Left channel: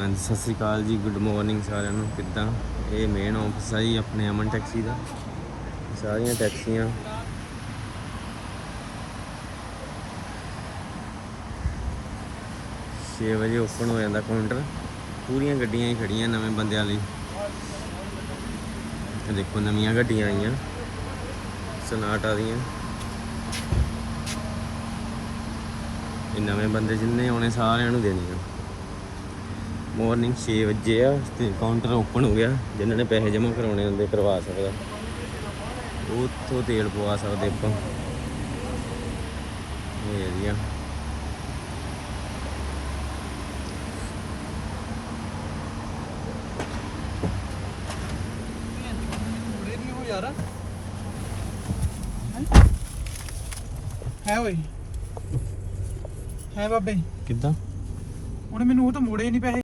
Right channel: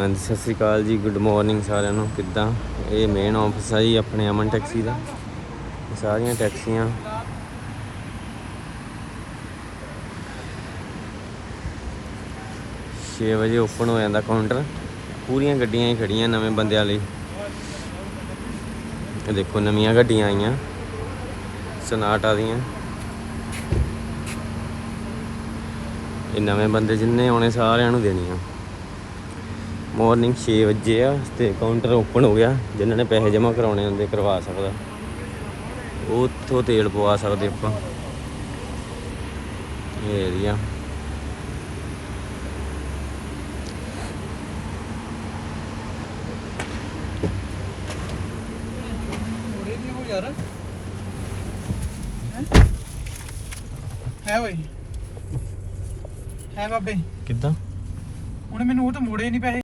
ਹਾਂਜੀ, ਸਤਿ ਸ਼੍ਰੀ ਅਕਾਲ ਜੀ ਗੁੱਡ ਮਾਰਨਿੰਗ ਸਾਰਿਆਂ ਨੂੰ, ਕਿੱਦਾਂ? ਇਹ ਮੇਨ ਆਫਿਸ ਆ ਜੀ, ਆਪਣੇ ਅਮਨ ਟੈਕਸੀ ਦਾ। ਸਾਰੀਆਂ ਟੈਕਸੀਆਂ ਛੇ ਵਜੇ ਓਪਨ ਹੋ ਜਾਂਦਾ ਕਾਊਂਟਰ ਪੂਰੀਆਂ ਗੱਡੀਆਂ ਹੀ ਖੜੀਆਂ ਨਵੇਂ ਬੰਦਿਆਂ ਲਈ। ਇਹ ਦੇਖੋ, ਨਵੀਆਂ ਗੱਡੀਆਂ ਆਈਆਂ। ਸਨਾਟਾ ਦੀਆਂ। ਇਹ ਨਵੇਂ ਬੰਦੇ ਜਿੰਨੇ ਆਉਣੇ ਸਾਰਿਆਂ ਨੂੰ ਦੇਣੀਆਂ। ਮਾਰਨਿੰਗ 6 ਵਜੇ ਆ ਤੇ ਕਾਊਂਟਰ ਓਪਨ ਹੋ ਗਿਆ। ਜਿਨ੍ਹਾਂ ਨੇ ਪੈਸੇ ਜਮ੍ਹਾਂ ਕਰਾਉਣੇ ਹੁੰਦੇ ਕਰਵਾ ਸਕਦਾ। ਉੱਥੋਂ ਤੇਲ ਪਵਾ ਸਕਦੇ ਆਪਾਂ। ਇਹ ਏਰੀਆ ਯਾਰ ਹੈ ਓਏ। ਹੈ ਬਾਬੇ। ਕਿੱਦਾਂ? ਉਹਨੇ ਮੈਨੂੰ ਉਹ ਤਾਂ ਮੋੜੇ ਨਹੀਂ ਪੈਸੇ।